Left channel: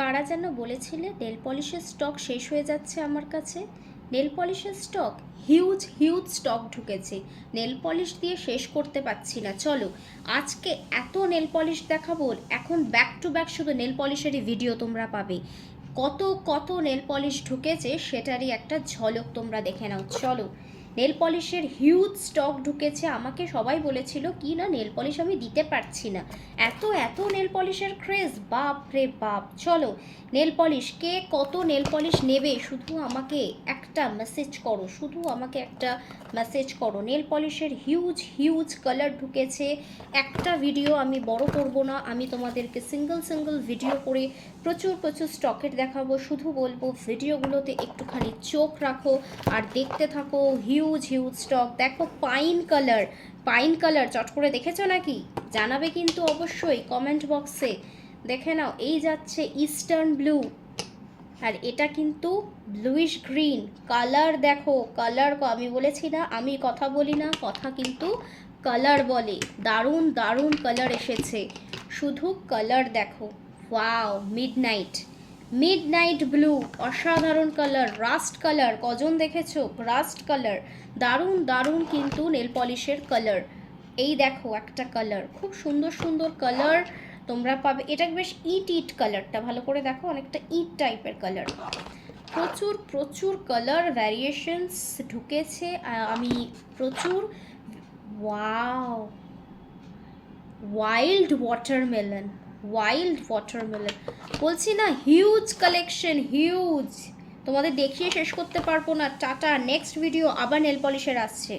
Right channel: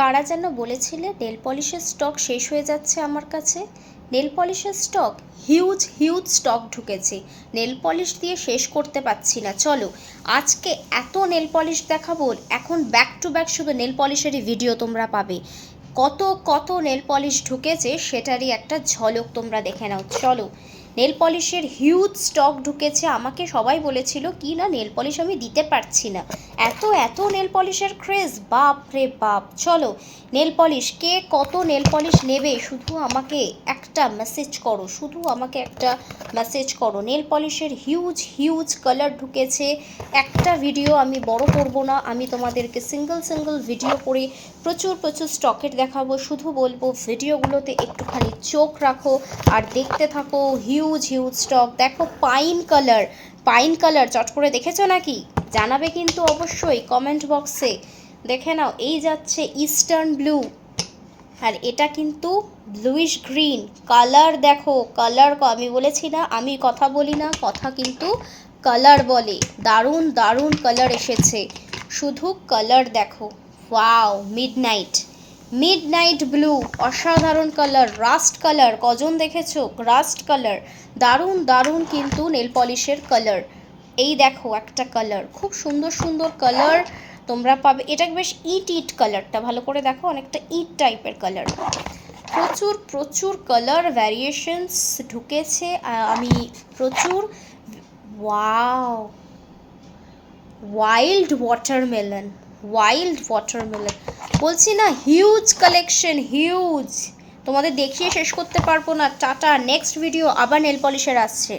কারা যেন বলেছিলে নেল পলিশের স্টক শেষ হয়ে যাচ্ছে আমার কাছে। নেল পলিশের স্টক হিউজ হিউজ স্টক ঢুকেছে, নেল পলিশ দিয়ে শেষ করতে পারছি না। চলো আজকে এত নেল পলিশ দেখাবো, এখন ব্যাক টু ব্যাক শুধু নেল পলিশেরই ভিডিও তোমরা পাবে। কত কত নেল পলিশ ঢুকেছে সেটারই একটা ঝলক তোমরা দেখে নাও। চলো, নেল পলিশের হিউজ স্টক ঢুকেছে। আমাকে সবাই বলেছিল কি না নেল পলিশ আমি দিতে পারছি না, এত এত নেল পলিশের ক্রেজ, বাপ রে বাপ। চলো, নেল পলিশ কে কত নেল পলিশ নেবে শুধু আমাকে একটা মেসেজ করো, শুধু আমাকে একটা মেসেজ করো। নেল পলিশের হিউজ হিউজ কালার ঢুকেছে। একটা ভিডিও আমি বড় করব না, আমি তোমাদেরকে সিঙ্গল সিঙ্গল ভিডিও করে প্রচুর প্রচুর স্টকের দেখাবো। শুধু বলবো ভিডিওগুলোতে একটুখানি চোখ রাখো আর দেখতে থাকো। হিউজ হিউজ স্টক দেখো। পাইন কালার, পাইন কালার চট করে দেখেছো নাকি জানাবে কিন্তু অবশ্যই কমেন্ট বক্সে। দেখে নাও, এই যাচ্ছে ইস্টার্ন ব্লু, আর এটা কিন্তু ব্লুইশ গ্রিন কালার। দেখো কালার, আমি বলেছি না আমি কথা বলি না, কথা কিন্তু কালার বলে। দারুণ দারুণ কালার এসেছে, শুধু কালার দেখো। ওয়াও, মিডনাইট, মিডনাইট ব্লু, অসাধারণ কালার। রাস্ট কালার, কজন দেখেছো রাস্ট কালার, দারুণ দারুণ কিন্তু নেল পলিশের কালার। এই দেখো একটা কালার, খুব সুন্দর সুন্দর কালার তোমরা পাবে। এটা বেশ ইট ইট কালারটা, ভালো করে দেখো, অনেকটা ইট টাইপের কালার। প্রচুর প্রচুর কালার ভ্যারিয়েশনস ঢুকেছে। আমি প্রচুর, wow, wild watermelon, wild watermelon বলছি না, হিউজ কালেকশন, হিউজ। তোমাদের দেখিয়ে শেষ করতে পারবো না। টাটা, নেক্সট ভিডিও আবার নেল পলিশের আসছে।